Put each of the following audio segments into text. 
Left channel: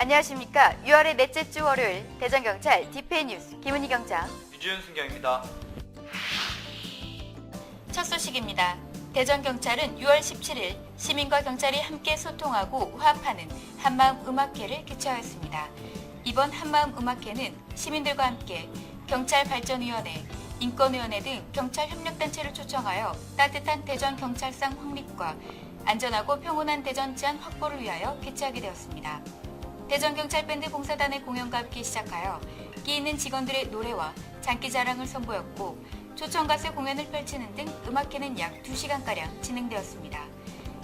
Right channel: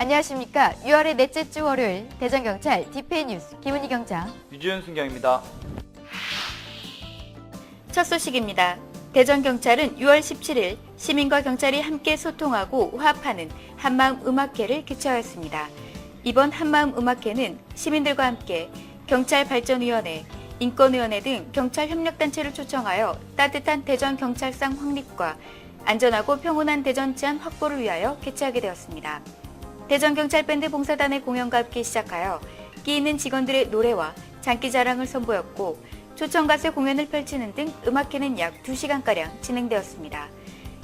안녕하십니까. 6월의 넷째 주 월요일 대전경찰 디페이 뉴스 김은희 경장. 유지훈 순경입니다. 첫 소식입니다. 대전경찰은 6월 17일 시민과 경찰이 함께 소통하고 화합하는 한마음 음악회를 개최하였습니다. 이번 한마음 음악회는 시민들과 함께 경찰발전위원회, 인권위원회 등 경찰 협력단체를 초청하여 따뜻한 대전 경찰상 확립과 안전하고 평온한 대전治安 확보를 위하여 개최하게 되었습니다. 대전경찰밴드 봉사단의 공연과 함께 시작하여 끼 있는 직원들의 노래와 장기 자랑을 선보였고 초청가수 공연을 펼치는 등 음악회는 약 2시간가량 진행되었습니다.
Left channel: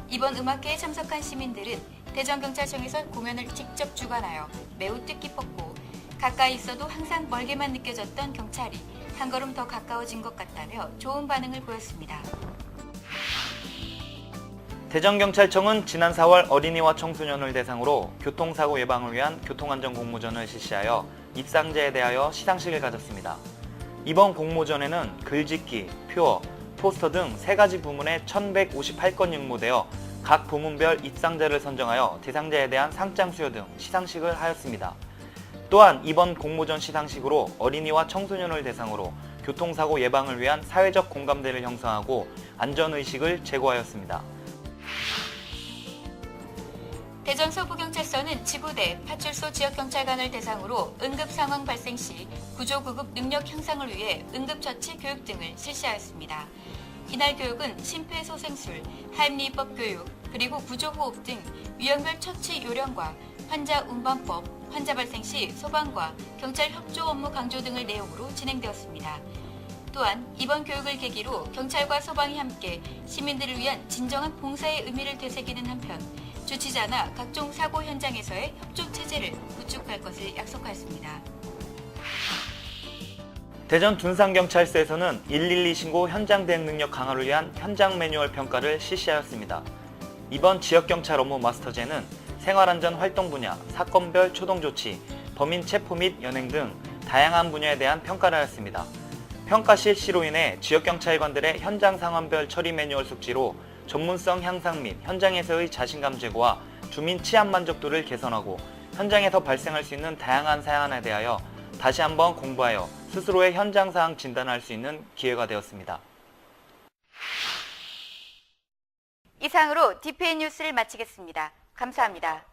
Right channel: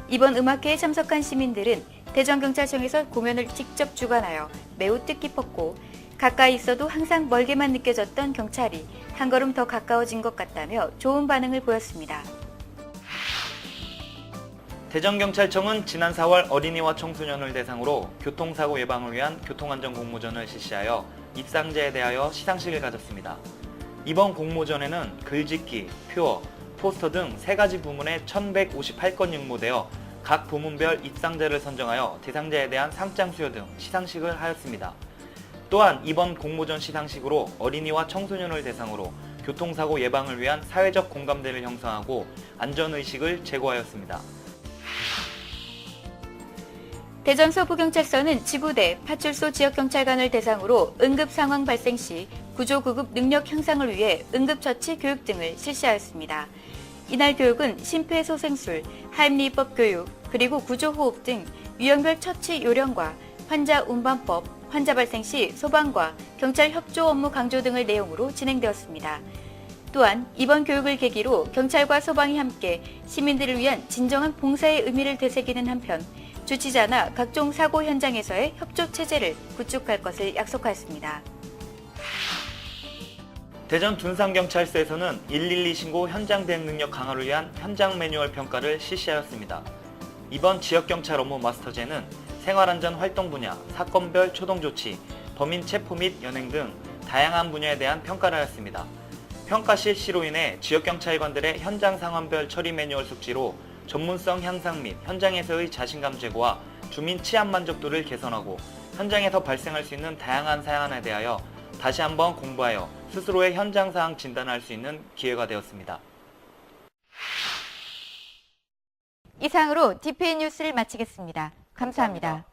이번 음악회에 참석한 시민들은 대전경찰청에서 공연을 직접 주관하여 매우 뜻깊었고 가까이 있어도 항상 멀게만 느껴졌던 경찰이 한 걸음 더 가까워진 것 같다며 좋은 반응을 보였습니다. 대전경찰청은 지난 4월 어린이와 청소년을 대상으로 교통사고 예방을 위한 교통안전 공모전을 실시하여 입상자에 대하여 시상식을 가졌습니다. 이번 공모전에는 글짓기, 표어, 포스터 등세 가지 부문에 1158건이 응모되어 각 부문별 입상자를 선정하여 대상자에 대한 상장 수여 등 시상식을 하였습니다. 또한 이번 공모전 시상식으로 어린이와 청소년을 대상으로 교통사고 예방을 위한 사회적 공감대를 형성하고 안전의식을 제고하였습니다. 대전 서부경찰서는 지부대, 파출소 지역경찰관을 대상으로 응급 상황 발생 시 구조 구급 능력 향상을 위해 응급처치 교육 등을 실시하였습니다. 이날 교육은 심폐소생술, 하임리법 교육, 그리고 구조호흡 등 유형별 처치 요령과 환자 운반법, 환자 발생 시 소방과 경찰 협조 업무 강조 등을 내용으로 진행되었습니다. 또한 이번 교육을 계기로 경찰과 소방이 함께 시민들을 위한 진정한 봉사의 의미를 되새기는 한편 주치자나 각종 사고 현장에서의 협조 체제를 구축할 것을 약속하였습니다. 대전 둔산경찰서에서는 112 신고 현장 대응 능력 강화를 위한 현장 매뉴얼 평가를 실시하였습니다. 이번 지역경찰 업무 마스터제는 생활안전 활동 분야, 사건별 초동 조치, 범인 체포 및 연행 등 다양한 분야에 대한 평가를 하였습니다. 평가 실시로 인해 지역경찰관들의 현장 상황별 처리 매뉴얼 숙지로 전문성 향상 및 현장에서의 자신감 제고와 주민 치안 만족도를 개선하고 현장에서 발생할 수 있는 다양한 사안에 대하여 다시 한번 공부하여 스스로의 현장 상황 진단을 할수 있는 기회가 되었습니다. 이상으로 디페이 뉴스를 마치겠습니다. 감사합니다.